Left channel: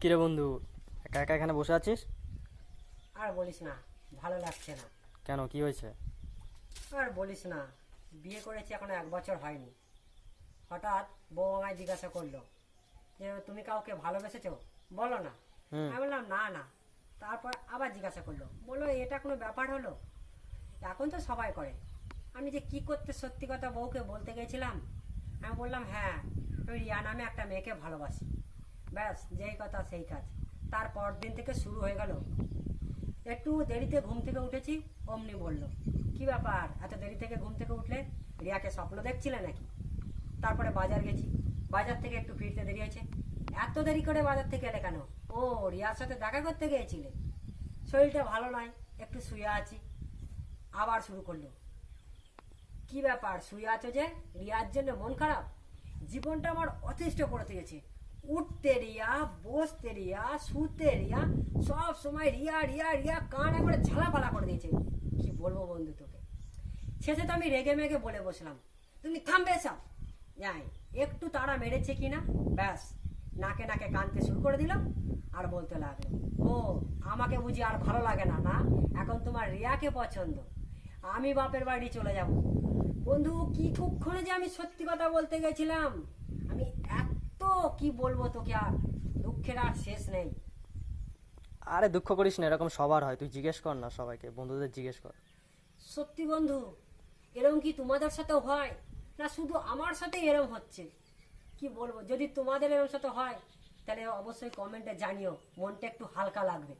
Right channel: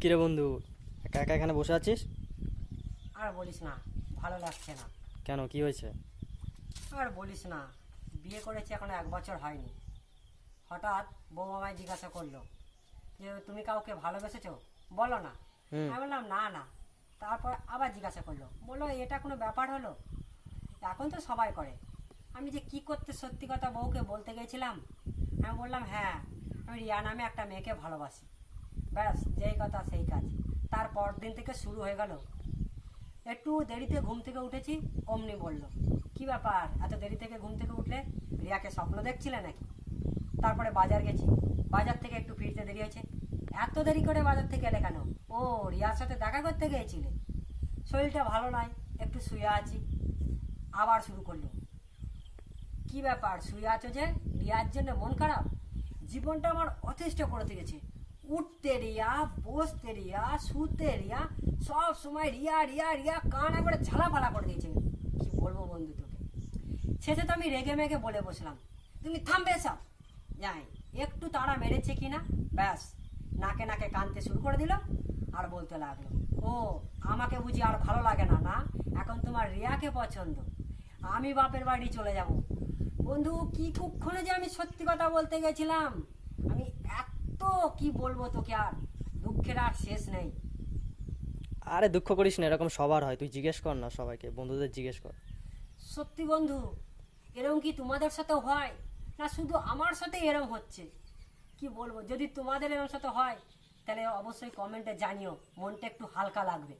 কিরে বন্ধু একা একা এখানে বসে আছিস? আর বলিস না ভালো লাগছে না। কেন কি হয়েছে? আর বলিস না বিয়ে করেছি এখনও এক বছর হয়নি। হঠাৎ বউ আমায় জিজ্ঞাসা করল যে তুমি কাউকে ভালোবেসেছো? বলো না। আমি বললাম না না। তারপর আবার জিজ্ঞাসা করল বলল এটা কোনো ব্যাপার হলো? এখন তো সবাই করে। আমি যে কি করতে সত্যি কথা বউকে বলতে গেছিলাম? আমি বললাম হ্যাঁ আমি রিয়া নামে একটা মেয়েকে ভালোবাসি। ব্যাস কথা সেই কাজ। তারপর দিন থেকে শুরু হয়ে গেল। একটু দেরিতে ঘুম থেকে উঠেছি, অমনি বলল, কি ব্যাপার? এত দেরি থেকে ঘুম থেকে উঠলে রিয়াকে স্বপ্ন দেখছিলে নাকি? তারপরে বাজার গেছি। বাজার থেকে একটু ফিরতে দেরি হয়েছে। এত দেরি করে বাজার থেকে এলে কেন? ও, রিয়ার সাথে দেখা করতে গিয়েছিলে? শরীরটা ভালো নয়, একটু শুয়ে আছি। আবার শুরু করল। কি ব্যাপার? শুয়ে আছো যে? রিয়ার জন্য মন খারাপ? জীবনটা আমার অতিষ্ঠ করে দিয়েছে। উঠতে রিয়া বসতে রিয়া শুতে রিয়া সব সময় রিয়া রিয়া রিয়া কান একবারে ঝালাফালা করে দিয়েছে কি বলব বন্ধু তোকে শেষে তো আমি রেগে মেগে বলে বসলাম তুমি থামবে সব যাই একটু তাড়া মেরেছে কিনা ব্যাস নাকে নাকে কানতে শুরু করে দিল আর বলতে লাগল ও আমাকে বুঝি আর ভালো লাগে না না এখন তোমার রিয়াকে পছন্দ আমি বাপের বাড়ি চলে যাব বন্ধু কি কুক্ষণে যে আমি সত্যি কথা বলতে গেছিলাম আমি এত কি বলব তোকে আর? দুঃখের আর শেষ নেই। আরে দুঃখ করিস না এরকম সবার হয়। তুই জিজ্ঞেস কর না সবাইকে বন্ধুদের জিজ্ঞেস কর। সত্যি বন্ধু এরকম কি তোমাদের সাথেও হয়? না শুধু আমার সাথে এরকম হচ্ছে? কি বলব যদি তোমাদের এরকম সাথে হয় তাহলে অবশ্যই কমেন্টে জানিও মনটা একটু হালকা লাগবে।